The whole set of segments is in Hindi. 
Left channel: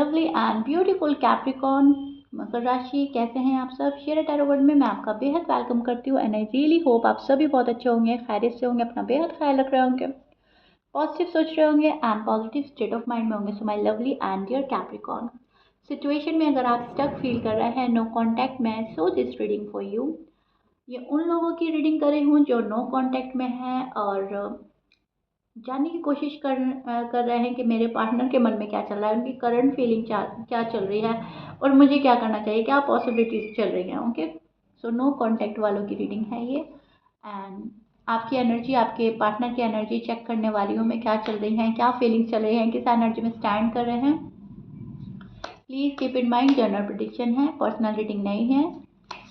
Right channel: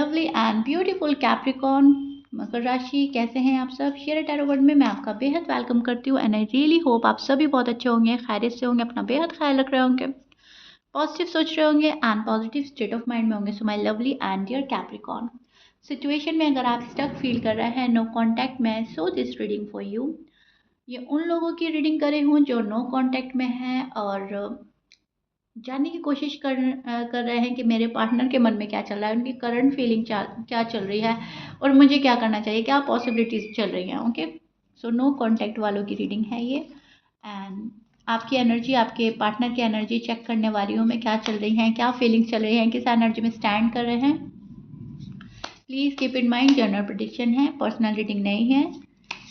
लवली एंड ब्यूटीफुल कैप्रिकॉर्न मकर राशि, कैसे हैं आप सब। शेयर टैरो वर्ड में मैं आपका बेहद वेलकम करती हूँ एंड आई रियली होप आप सभी बहुत अच्छे होंगे, खैरियत से होंगे, अपना बेहद ख्याल रख रहे होंगे, पॉजिटिव सोच रहे होंगे and positive state of mind में होंगे। So my lovely and dear Capricorn, situation में अगर आप स्टक फील कर रहे हैं, नो कॉन्टैक्ट में, so this reading for you. ये उन लोगों की रीडिंग करे हूँ जो नो कॉन्टैक्ट में है और जानने की कोशिश कर रहे हैं कि मेरे पार्टनर के मन में क्या चल रहा है, उनकी करंट फीलिंग क्या चल रही है और मुझे क्या करना चाहिए, क्या पॉसिबिलिटीज चल रही हैं। ओके, सो नो कांटेक्ट वालों की रीडिंग है ये। एंड आपकी एनर्जी, आपके पार्टनर की एनर्जी चेक करने वाली हूँ मैं, क्या चल रही हैं, क्या फीलिंग चल रही है, किस एनर्जी में स्टैंड कर रहे हैं। Please keep in mind general prediction है, पर्सनल रीडिंग नहीं है।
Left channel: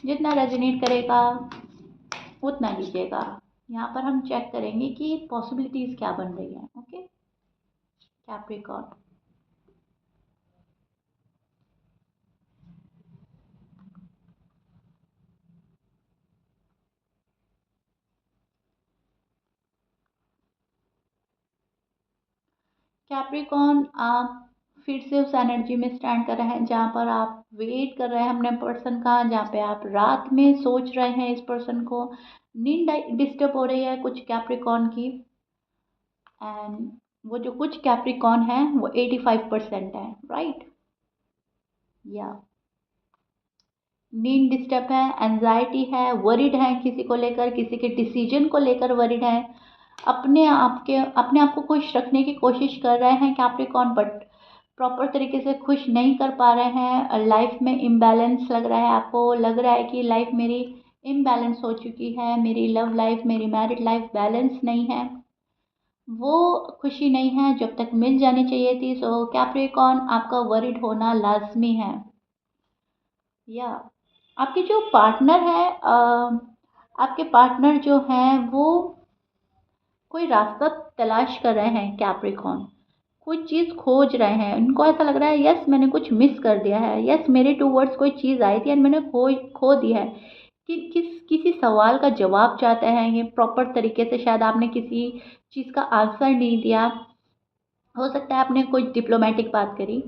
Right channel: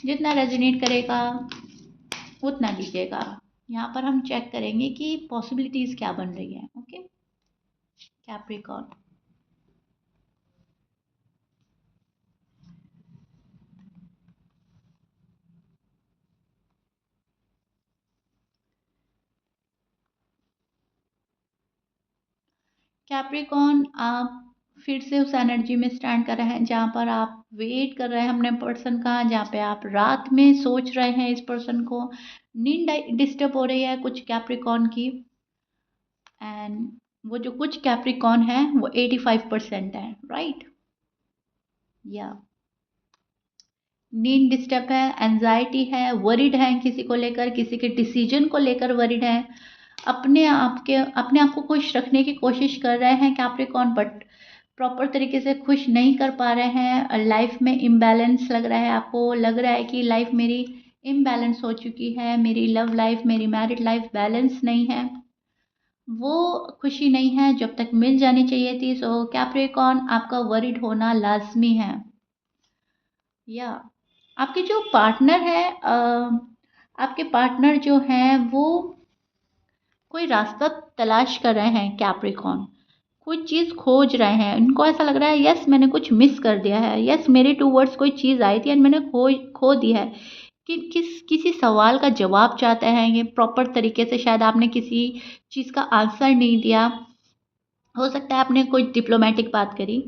जितना रेजोनेट करेगा उतना लीजिएगा। यहाँ पर हम चेक करेंगे कि पॉसिबिलिटीज क्या बन रही हैं। ओके, कैप्रिकॉर्न, कैप्रिकॉर्न, आप फिर से उस एनर्जी में स्टैंड कर रहे हैं जहाँ पर आप वेट कर रहे हैं अपने पर्सन का, जहाँ पे आप रात में सोच रहे हैं इस पर्सन को, नींद डिस्टर्ब हो रही है कुछ कैप्रिकॉर्न की। एंड वो जो कुछ कैप्रिकॉर्न है वो 85% है, राइट। या नींद डिस्टर्ब है, एंजाइटी है, वरिड है, किसी को लेकर, किसी के डिसीजन को लेकर वरिड है, अपने आप को खुश रखने की कोशिश कर रहे हैं कैप्रिकॉर्न, बट प्रॉपर तरीके से खुश नहीं कर पा रहे हैं। लाइफ में इम्बैलेंस लग रहा है, आपको लग रहा है कि लाइफ मेरी इम्बैलेंस हो चुकी है, मेरी लव लाइफ, मेरी मैरिड लाइफ बैलेंस नहीं है, वो खुशी नहीं है जब तक मिल जानी चाहिए थी। सो कैप्रिकॉर्न, आपका वरिड होना लाजमी है। या आपके जो पार्टनर है, आपके पार्टनर जो हैं वो कोई रास्ता तलाश कर रहे हैं कैप्रिकॉर्न, कुछ चीज़ खोज रहे हैं। उनको ऐसा लग रहा है यस मैंने कुछ मिस कर दिया है, यस मेरे टूवर्ड्स कोई चीज़ आई थी एंड मैंने खो दी है। कि किसी सवाल का जवाब चाहते हैं ये प्रॉपर तरीके से, शायद आपने किसी चीज़ का आंसर नहीं दिया, हो सकता है आपने कोई डिप्लोमेटिक बात करी,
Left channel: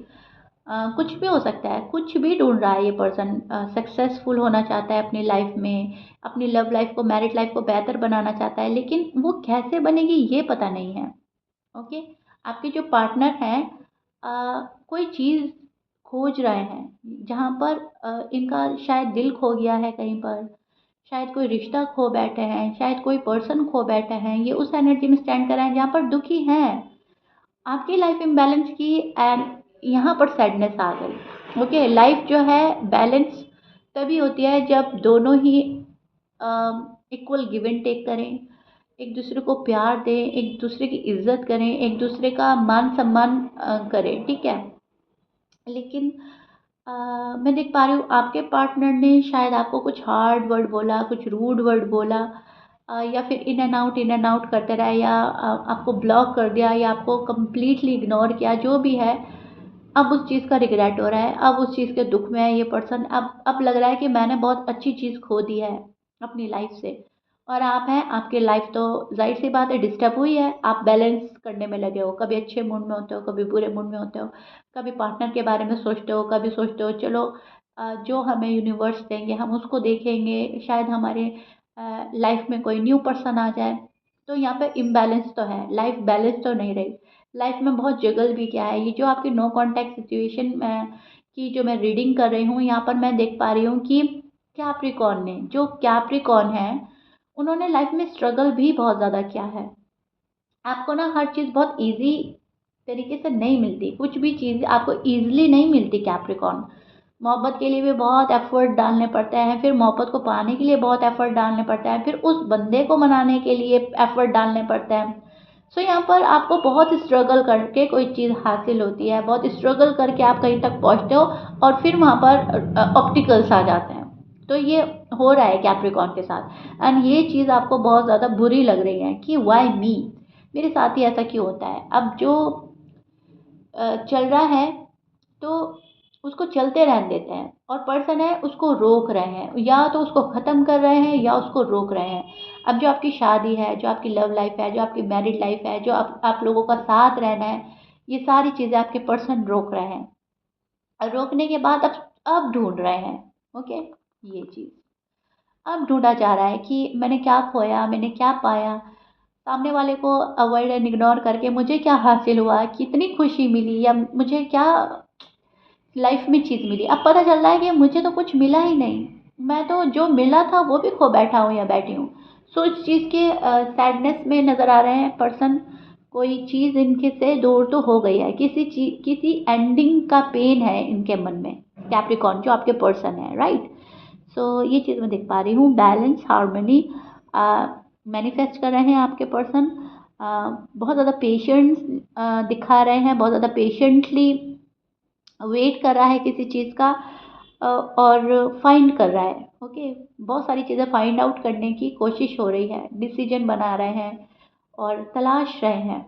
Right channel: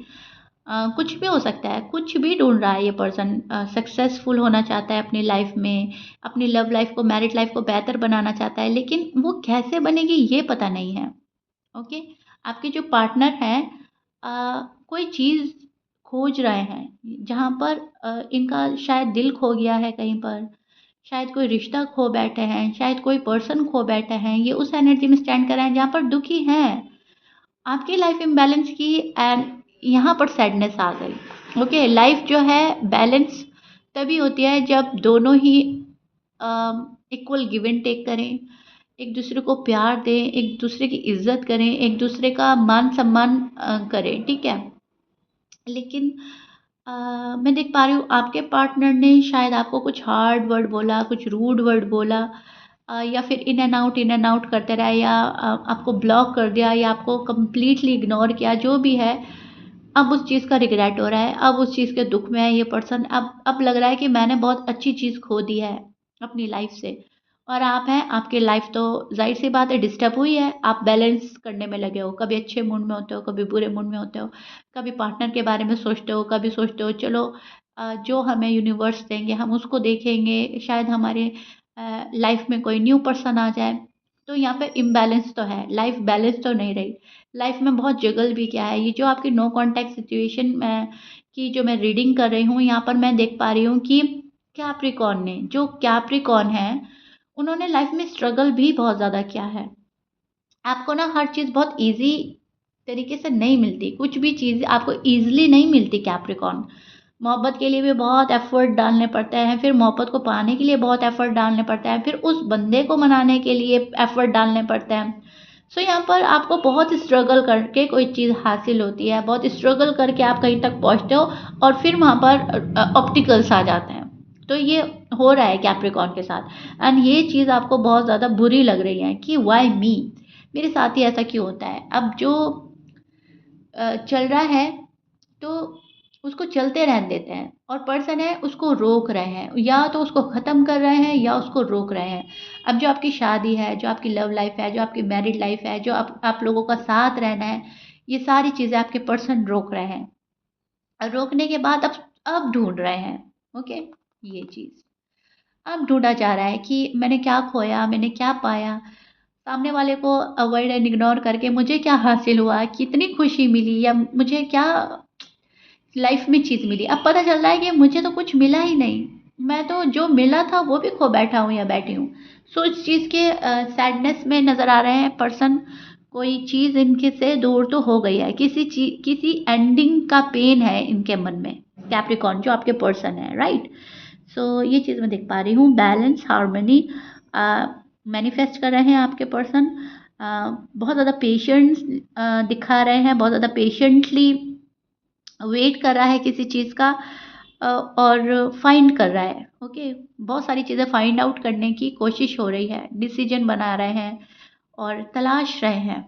कुछ भी हो सकता है, कुछ भी ढूंढ रहा है ये पर्सन, सक्सेसफुल होना चाहता है अपनी लाइफ में, अपनी लव लाइफ को, मैरिड लाइफ को बेहतर बनाना चाहता है, लेकिन वो कैसे बनेगी ये पता नहीं है। ओके, आपके जो पार्टनर हैं कोई चीज़ खोज रहे हैं जहाँ पर इनका शायद दिल खो गया है कहीं पर, शायद कोई रिश्ता खो बैठे हैं, शायद कोई पर्सन खो बैठे हैं, ये उस एनर्जी में स्टैंड कर रहे हैं जहाँ पर दुखी हैं आपकी लाइफ इम्बैलेंस की। एंड यहाँ पर सैडनेस आ गई। ओके, लाइफ जो है बैलेंस तभी होती है जब दोनों ही इक्वल गिव एंड टेक करें, एक दूसरे को प्यार दें, एक दूसरे की इज्जत करें, एक दूसरे का मान सम्मान करें, ठीक है। लेकिन मैं देख पा रही हूँ आपके पार्टनर ने शायद आपको कुछ हार्ड वर्ड बोला, कुछ रूड वर्ड बोला, या फिर इन एंड आउट करते रहे, या आपको ब्लॉक कर दिया, या आपको कम्प्लीटली इग्नोर किया, जो भी है। अब उस चीज़ का रिग्रेट हो रहा है, अब उस चीज़ के दुख में है ये पर्सन, अब लग रहा है कि मैंने बहुत अच्छी चीज़ खो दी है अपनी लाइफ से। और आप हैं, आपकी लाइफ तो ज़ाहिर सी बात है डिस्टर्ब हुई है, आप बैलेंस करने में लगे हो, कभी अच्छे मूड में होते हो, कभी बुरे मूड में होते हो, कभी पार्टनर के बारे में सोचते हो, कभी सोचते हो चलो जो हमें यूनिवर्स देंगे हम उसको देखेंगे, शायद हमारे लाइफ में कोई न्यू पर्सन आ जाए। तो यहाँ पे इम्बैलेंस तो है, लाइफ बैलेंस तो नहीं रही, लाइफ में बहुत जगल भी क्या है। ये जो आपकी नो कॉन्टैक्ट सिचुएशन की जो मैं रीडिंग कर रही हूँ, यहाँ पर मैं देख पा रही हूँ कि कैप्रिकॉर्न ने, जो कैप्रिकॉर्न है उन्होंने लाइफ में स्ट्रगल भी बहुत ज़्यादा किया है। आपको ना हर चीज़ बहुत ईज़ी तरीके से नहीं मिलती, कुछ भी चीज़ आपको ईज़िली नहीं मिलती कैप्रिकॉर्न। मोहब्बत के लिए भी बहुत एफ़र्ट डालने पड़ते हैं, फिर मोहब्बत को पाने के लिए बहुत एफ़र्ट डालने पड़ते हैं, फिर उस बंदे को मनाने के लिए एफ़र्ट डालने पड़ते हैं। सो यहाँ पर आपको बहुत स्ट्रगल करके कोई चीज़ हासिल होती है, बहुत स्ट्रगल करके आप कहीं तक पहुँचते हो और फिर वहाँ पर ऑब्स्टिकल्स आ जाते हैं। तो ये हो रहा है कैप्रिकॉर्न के साथ एंड ये चीज़ आपको बहुत ज़्यादा बुरी लग रही है कि व्हाई मी, मेरे साथ ही ऐसा क्यों होता है। अब जो चल रहा है तो उसको चलते रहने देते हैं, और पर्सन है उसको रोक रहे हैं, या तो उसको ख़त्म कर रहे हैं या उसको रोक रहे हैं। अब जो आपकी शादी है, जो आपकी लव लाइफ है, जो आपकी मैरिड लाइफ है, जो आप लोगों का साथ रहना है, ये सारी चीज़ें आपके पर्सन रोक रहे हैं। रोकने के बाद अब ढूंढ रहे हैं। ओके, ये चीज़ अब ढूंढा जा रहा है कि मैंने क्या खोया, मैंने क्या पाया, सामने वाले को अवॉइड एंड इग्नोर करके मुझे क्या हासिल हुआ, कितनी खुशी मिली, या मुझे क्या लाइफ में चीज़ मिली। अब पता चल रहा है कि मुझे तो कुछ मिला ही नहीं, मैं तो जो मिला था वो भी खो बैठा हूँ या बैठी हूँ। सो इस चीज़ के सैडनेस में नज़र आ रहे हैं पर्सन। कोई चीज़ इनके से दूर तो हो गई है, किसी एंडिंग का पेन है इनके मन में। कैप्रिकॉर्न जो आपके पर्सन है, राइट। सो ये चीज़ मैं देख पा रही हूँ, बैलेंस हार्मनी मैनिफेस्ट कर रहे हैं आपके पर्सन। बहुत ज़्यादा पेशेंस दिखा रहे हैं, बहुत ज़्यादा पेशेंटली वेट कर रहा है किसी चीज़ का, और फाइंड कर रहा है। ओके, बहुत सारी चीज़ें फाइंड आउट करने की कोशिश हो रही है, डिसीजन बना रहे हैं और तलाश रहे हैं।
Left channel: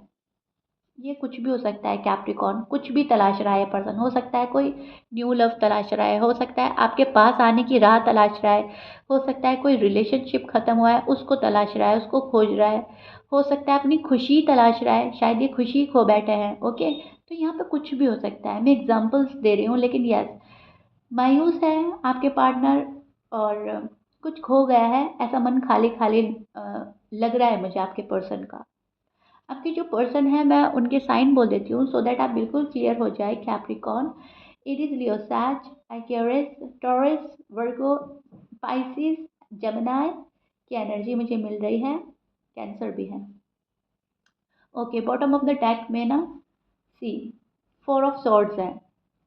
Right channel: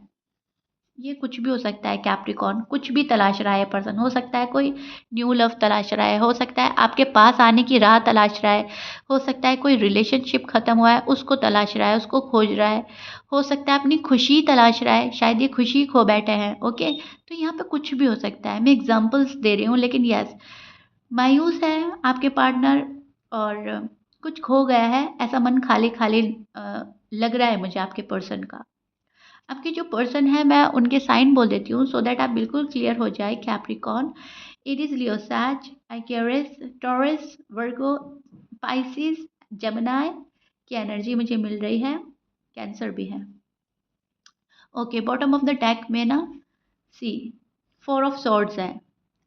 ये कुछ भी हो सकता है कैप्रिकॉर्न, कुछ भी तलाश रहा है पर्सन। हो सकता है कोई न्यू लव तलाश रहा है, हो सकता है आपके पास आने की राह तलाश रहा है, हो सकता है कोई रिलेशनशिप ख़त्म हुआ है उसको तलाश रहा है, उसको खोज रहा है, हो सकता है अपनी खुशी तलाश रहा है, शायद ये खुशी खो बैठे हैं। ओके, तो यहाँ पे कुछ भी हो सकता है, मैं एग्जांपल्स दे रही हूँ, लेकिन यस, मायूस है आपके पार्टनर, और कुछ खो गया है, ऐसा मन खाली खाली लग रहा है मुझे आपके पर्सन का। आपके जो पर्सन है मैं उनके साइन बोल देती हूँ, सो दैट आप बिल्कुल क्लियर हो जाए। कैप्रिकॉर्न, एरीज, लियो, सैज, एक्वेरियस, टॉरस, वर्गो, पाइसिस, जेमिनी की एनर्जी मुझे मिल रही है। कैंसर भी है। Okay, bottom of the deck में ना सी 4 ऑफ सॉर्ड्स है,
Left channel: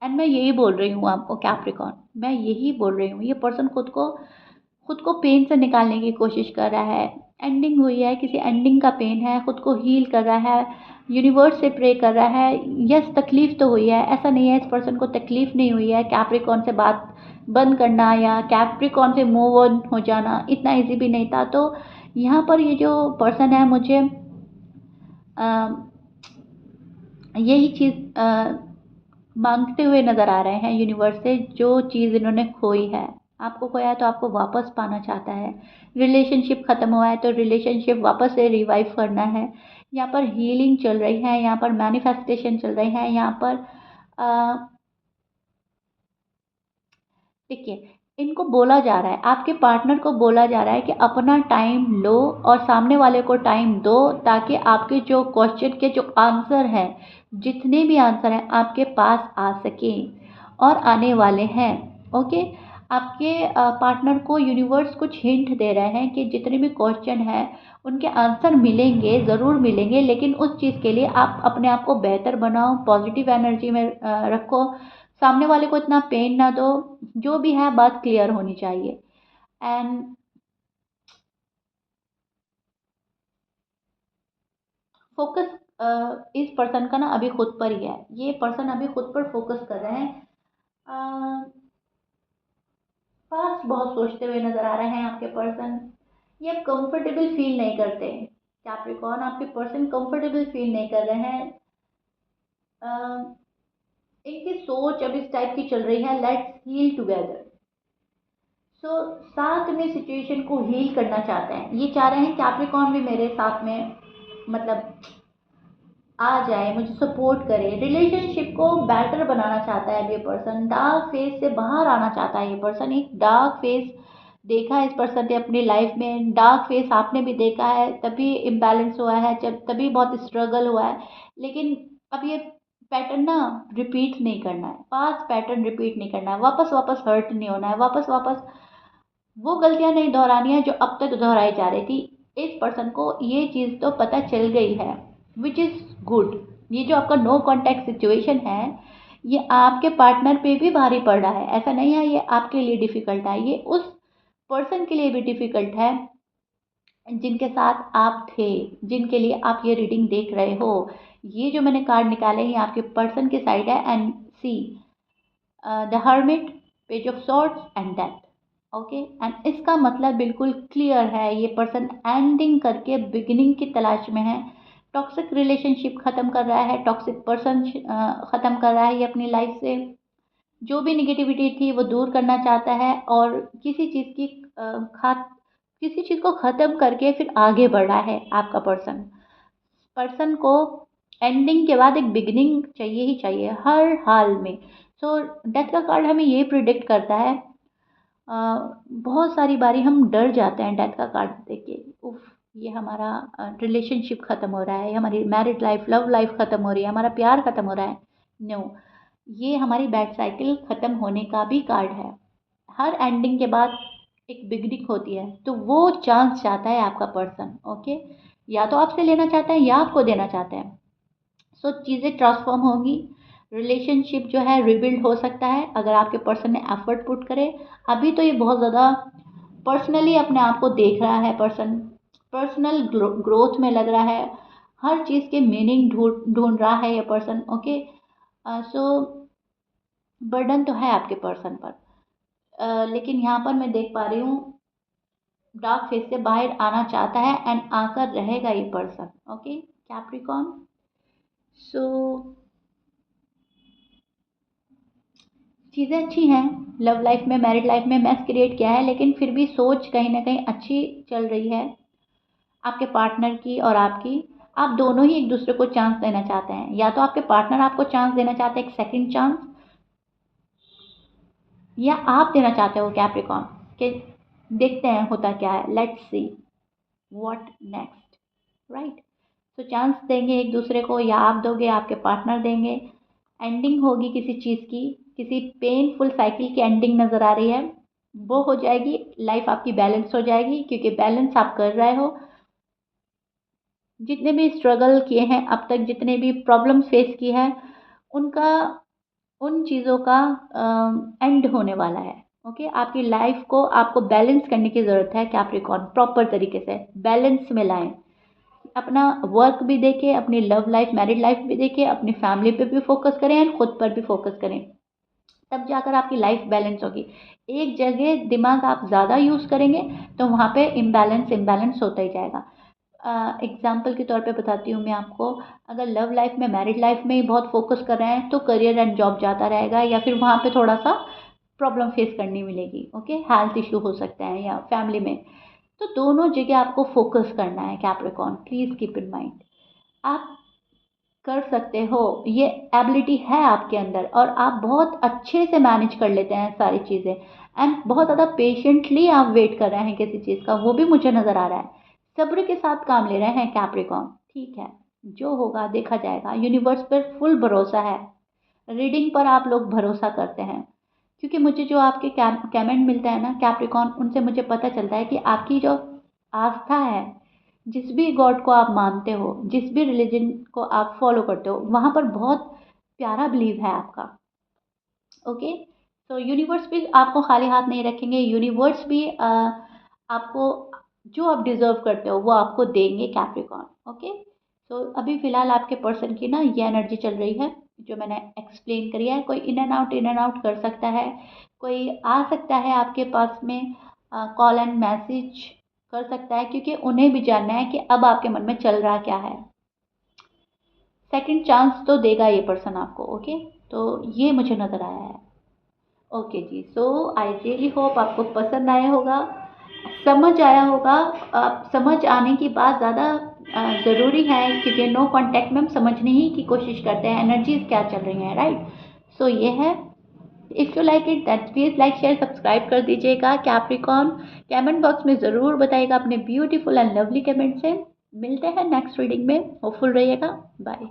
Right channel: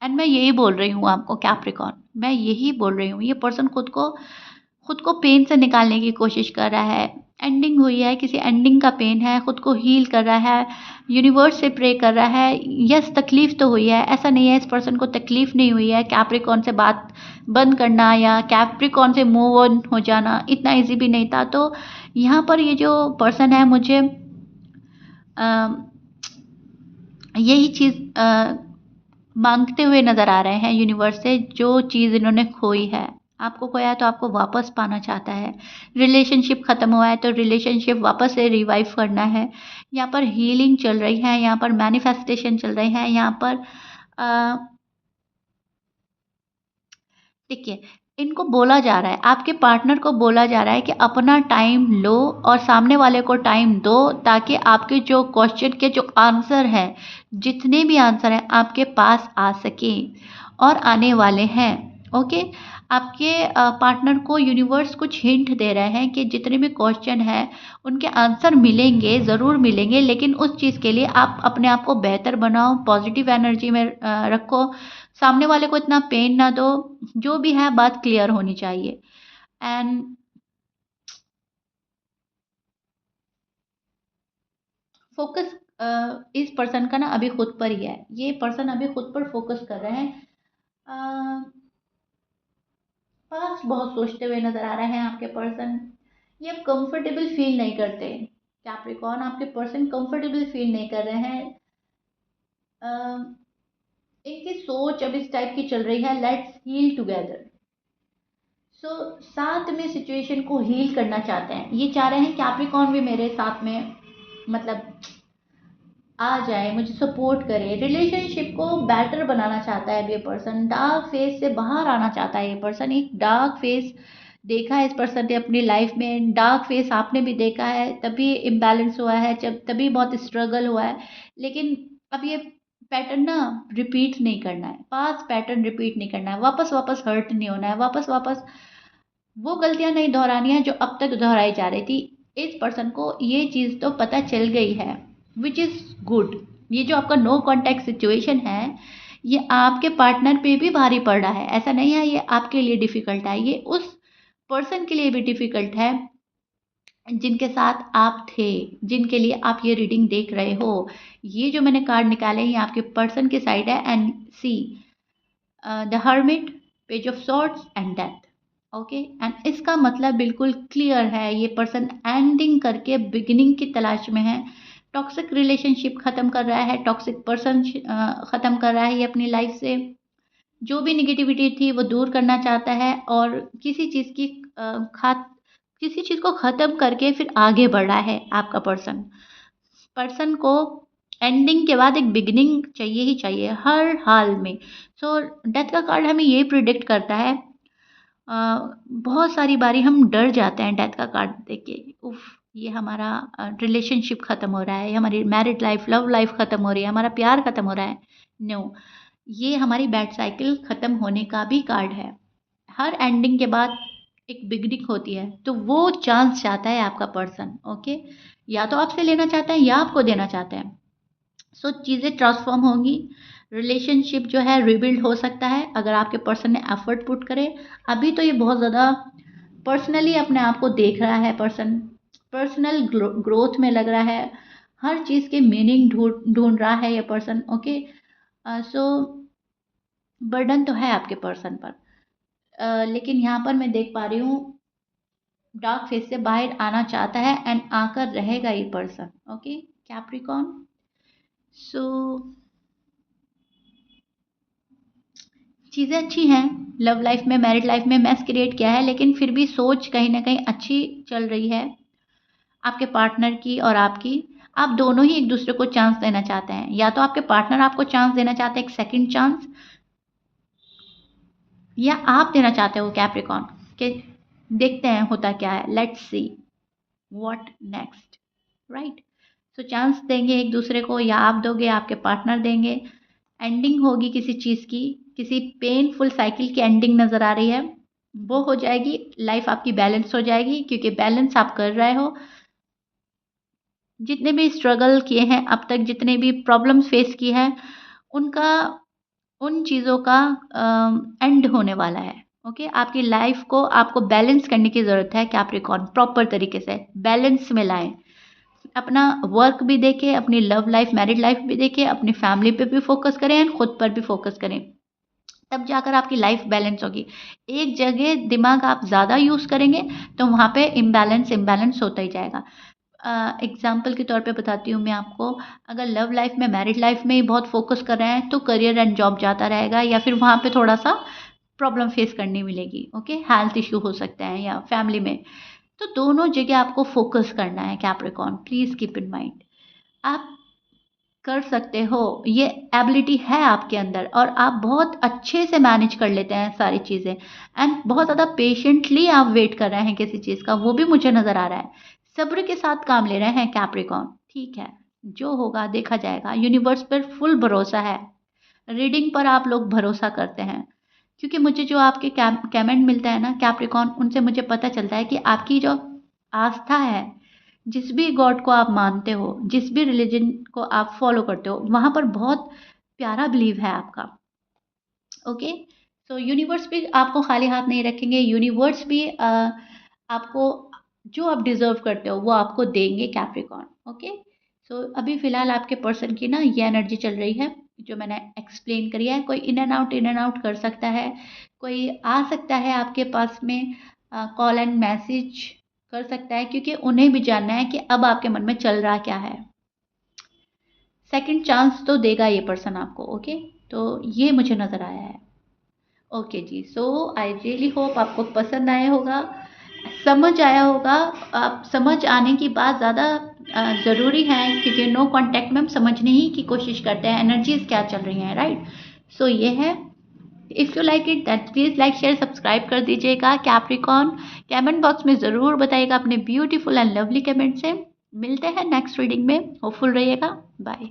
एंड मैं यही बोल रही हूँ आपको कैप्रिकॉर्न, मैं यही बोल रही हूँ, ये पर्सन खुद को पेन से निकालने की कोशिश कर रहा है। एंडिंग हुई है, किसी एंडिंग का पेन है, खुद को हील कर रहा है, यूनिवर्स से प्रे कर रहा है। यस, तकलीफ़ तो हुई है, ऐसा नहीं है इस पर्सन को तकलीफ़ नहीं हुई है। कैप्रिकॉर्न से बात बंद करना या कैप्रिकॉर्न से मूव ऑन हो जाना इतना ईज़ी भी नहीं था। तो यहाँ पर ये जो पर्सन है मुझे यही चीज़ माँगते हुए नज़र आ रहे हैं यूनिवर्स से, जो चीज़ इन्होंने खोई है। आपको खोया है तो आपको वापस पाना चाहता है। रिलेशनशिप ख़त्म हुआ है तो रिलेशनशिप वापस से रिवाइव करना है। यहाँ पर हीलिंग चल रही है, यहाँ पर मैनिफेस्टेशन चल रही है, यहाँ पर देखिए, इनको बोला जा रहा है, आपके पार्टनर को बोला जा रहा है कि अपना टाइम लो और सामने वाले को टाइम दो, ताकि आपके जो क्वेश्चन के जो आंसर हैं, जितने भी आंसर हैं आपके पास आ सकें और आने वाले हैं। ओके, आपके पार्टनर को यूनिवर्स कुछ हिंट दे रहे हैं कि जितने भी क्वेश्चन हैं उनके आंसर मिलेंगे, ज़रूर मिलेंगे, लेकिन उस चीज़ के लिए आप अपने आप को बेहतर बनाओ, पॉजिटिव एनर्जी में रखो, सामने वाले को इतना पेन ना दो। जो भी है बात क्लियर होनी चाहिए। एंड फोकस इस पर्सन का ना अभी खुद पर ही है। ये पर्सन अभी खुद पर फोकस कर रहे हैं। पास्ट बहुत सोचते हुए नजर आ रहे हैं आपके पर्सन। ये अब कंफर्टेबल फील नहीं करते। कैप्रिकॉर्न, आपके पर्सन कंफर्टेबल फील नहीं कर रहे हैं। अ, इनकी सोच अब इस टाइप की चल रही है, लेट्स हील टुगेदर। सो साथ में सिचुएशन को हील करना चाहते हैं। ये चाह रहे हैं कैप्रिकॉर्न भी मेरे साथ में, मतलब आ जाए, मुझे सपोर्ट करे, रिलेशनशिप को बेटर बनाना चाहता है अब ये पर्सन। डार्क फेज से बाहर आना चाहता है ये पर्सन। एक डार्क फेज देखा है इस पर्सन ने अपनी लाइफ में, डार्क फेज आपने भी देखा है, तभी इम्बैलेंस हुआ है, जब तभी बहुत स्ट्रगल हुआ है। लेकिन अब ये पैटर्न ना रिपीट नहीं करना है, पास पैटर्न रिपीट नहीं करना है, वापस वापस हर्ट नहीं होना है, वापस वापस वो गलतियां नहीं दोहरानी है जो अब तक दोहराई जा रही थी। इस पर्सन को ये चीज़ तो पता चल गई है, विच इज़ गुड। ये जो आपका नो कॉन्टैक्ट सिचुएशन है, ये आपके पार्टनर पे भी भारी पड़ रहा है। ऐसा नहीं है ये आपके लिए डिफ़िकल्ट है, ये उस पर्सन के लिए भी डिफ़िकल्ट है जिनके साथ आप थे, जिनके लिए आप ये रीडिंग देख रहे हो। ये जो मैंने कार्ड निकाले हैं, ये आपके पर्सन के साइड है। And see the hermit, page of swords and death. Okay, and इसका मतलब बिल्कुल क्लियर है, ये पर्सन एंडिंग करके बिगिनिंग की तलाश में है। टॉक्सिक रिलेशनशिप ख़त्म कर रहा है, टॉक्सिक पर्सन ख़त्म कर रहा है ये अपनी लाइफ से। जो भी निगेटिविटी थी वो दूर करना चाहता है, और किसी चीज़ की खात किसी चीज़ को ख़त्म करके फिर आगे बढ़ रहा है आपका पर्सन। पर्सन को एंडिंग के बाद एक बिगिनिंग चाहिए ही चाहिए हर हाल में। सो डेथ का कार्ड हमें ये प्रिडिक्ट करता है। बहुत सारी बारी हम डर जाते हैं डेथ का कार्ड देख के, उफ ये हमारा रिलेशनशिप ख़त्म हो रहा है, ये हमारी मैरिड लाइफ लव लाइफ ख़त्म हो रही है, हमारा प्यार ख़त्म हो रहा है। नो, ये हमारी बैड साइकिल ख़त्म होने का भी कार्ड है। हर एंडिंग के बाद एक बिगनिंग होती है, तो वो चांस चाहता है आपका पर्सन। ओके, या तो आपसे लेना चाहता है या आपको देना चाहता है। सो चीज़ें ट्रांसफॉर्म होंगी, रिलेशनशिप जो है रिबिल्ड हो सकता है अगर आपके पर्सन ने एफर्ट पुट करे। अभी तो ये बहुत ज़्यादा पर्सनली अपने आप को देख रहा है पर्सन, पर्सनल ग्रोथ में लग रहा है, हर चीज़ के मीनिंग ढूंढ ढूंढ रहा है ये पर्सन। ओके, सो बर्डन तो है आपके पर्सन पर, लेकिन यहाँ पर मैं देख पा रही हूँ डार्क फेज से बाहर आना चाहता है एंड आकर रहेगा ये पर्सन। ओके कैप्रिकॉर्न, सो चीज़ें अच्छी हैं, लव लाइफ में मैरिड लाइफ में मैस क्रिएट किया है, लेकिन फिर भी सोच कहीं ना कहीं अच्छी चल रही है आपके पार्टनर की और आपकी। आप दोनों ही एक दूसरे को चांस देना चाहते हैं, या तो आपके पार्टनर आपको चांस देना चाहते हैं, एक सेकंड चांस, या आप देना चाहते हो कैप्रिकॉर्न कि देखते हैं होता क्या है, let's see what next, right. So chance देंगे एक दूसरे को, या आप दोगे आपके पार्टनर देंगे। एंडिंग होगी किसी चीज़ की, किसी पेनफुल साइकिल की एंडिंग नज़र आ रही है, वो हो जाएगी, लाइफ आपकी बैलेंस हो जाएगी, क्योंकि बैलेंस आप कर रहे हो। जितने भी स्ट्रगल किए हैं अब तक, जितने भी प्रॉब्लम्स फेस की है, उनका उन चीज़ों का एंड होने वाला है। ओके, आपकी लाइफ को आपको बैलेंस करने की ज़रूरत है कैप्रिकॉर्न, प्रॉपर तरीके से बैलेंस में लाएं। अपना वर्क भी देखें, अपनी लव लाइफ मैरिड लाइफ भी देखें, अपनी फैमिली पे भी फोकस करें एंड खुद पर भी फोकस करें, तब जाकर आपकी लाइफ बैलेंस होगी। एक जगह दिमाग आप ज़्यादा यूज़ करेंगे तो वहाँ पे इम्बैलेंस इम्बैलेंस होता ही जाएगा। एग्जाम्पल के तौर पे बताती हूँ मैं आपको, अगर लव लाइफ में मैरिड लाइफ में ही बहुत फोकस कर रहे हैं तो करियर एंड जॉब जाता रहेगा, या फिर वहाँ पे थोड़ा सा प्रॉब्लम फेस करनी मिलेगी। ओके, हेल्थ इशू हो सकते हैं या फैमिली में, तो दोनों जगह आपको फोकस करना है Capricorn, please keep in mind. आप कर सकते हो, ये एबिलिटी है आपके अंदर, और आप बहुत अच्छे से मैनेज कर लेते हैं सारी चीज़ें, एंड बहुत ज़्यादा पेशेंटली आप वेट कर रहे हैं किसी चीज़ का, वो भी मुझे नज़र आ रहा है। सब्र के साथ काम ले रहे हैं कैप्रिकॉर्न, ठीक है, जो होगा देखा जाएगा। यूनिवर्स पर फुल भरोसा है, रीडिंग पर आप लोग भरोसा करते हैं, क्योंकि मुझे जो आपके कमेंट मिलता है ना कैप्रिकॉर्न, उनसे मुझे पता चलता है कि आपकी जो आस्था है, जिस भी गॉड को आप मानते हो, जिस भी रिलीजन को आप फॉलो करते हो, वहाँ पर बहुत प्यारा बिलीव है आपका। ओके, सो यूनिवर्स भी आपको खाली हाथ नहीं रखेंगे, यूनिवर्स भी आपको जो आप डिजर्व करते हो वो आपको देंगे कैप्रिकॉर्न। ओके, सो अभी फिलहाल आपके पर्सन की ना ये एनर्जी चल रही है जो मैंने एक्सप्लेन करी है। कोई इन एंड आउट कर सकता है, कोई आ सकता है आपके पास में, कॉल एंड मैसेज कर सकता है, क्योंकि उन्हें भी जानना है कि अब आपके मन में चल रहा क्या है। सेकंड चांस तो देगा ये पर्सन आपको। ओके, तो ये मुझे नज़र आया है। Okay ji, so I really hope आपको पसंद आया होगा, समझ आया होगा। आप समझ आने की बात ज़्यादा ज़रूरी है, क्योंकि नो कांटेक्ट में हम समझने ही की कोशिश करते हैं एनर्जीज क्या चल रही हैं, राइट। सो ये है, if you like it that please like share subscribe कर दीजिएगा कैप्रिकॉर्न। कमेंट बॉक्स में ज़रूर बताइएगा अपने ब्यूटीफुल एंड लवली कमेंट से। मिलते हैं नेक्स्ट रीडिंग में, होपफुल रहिएगा, बाय।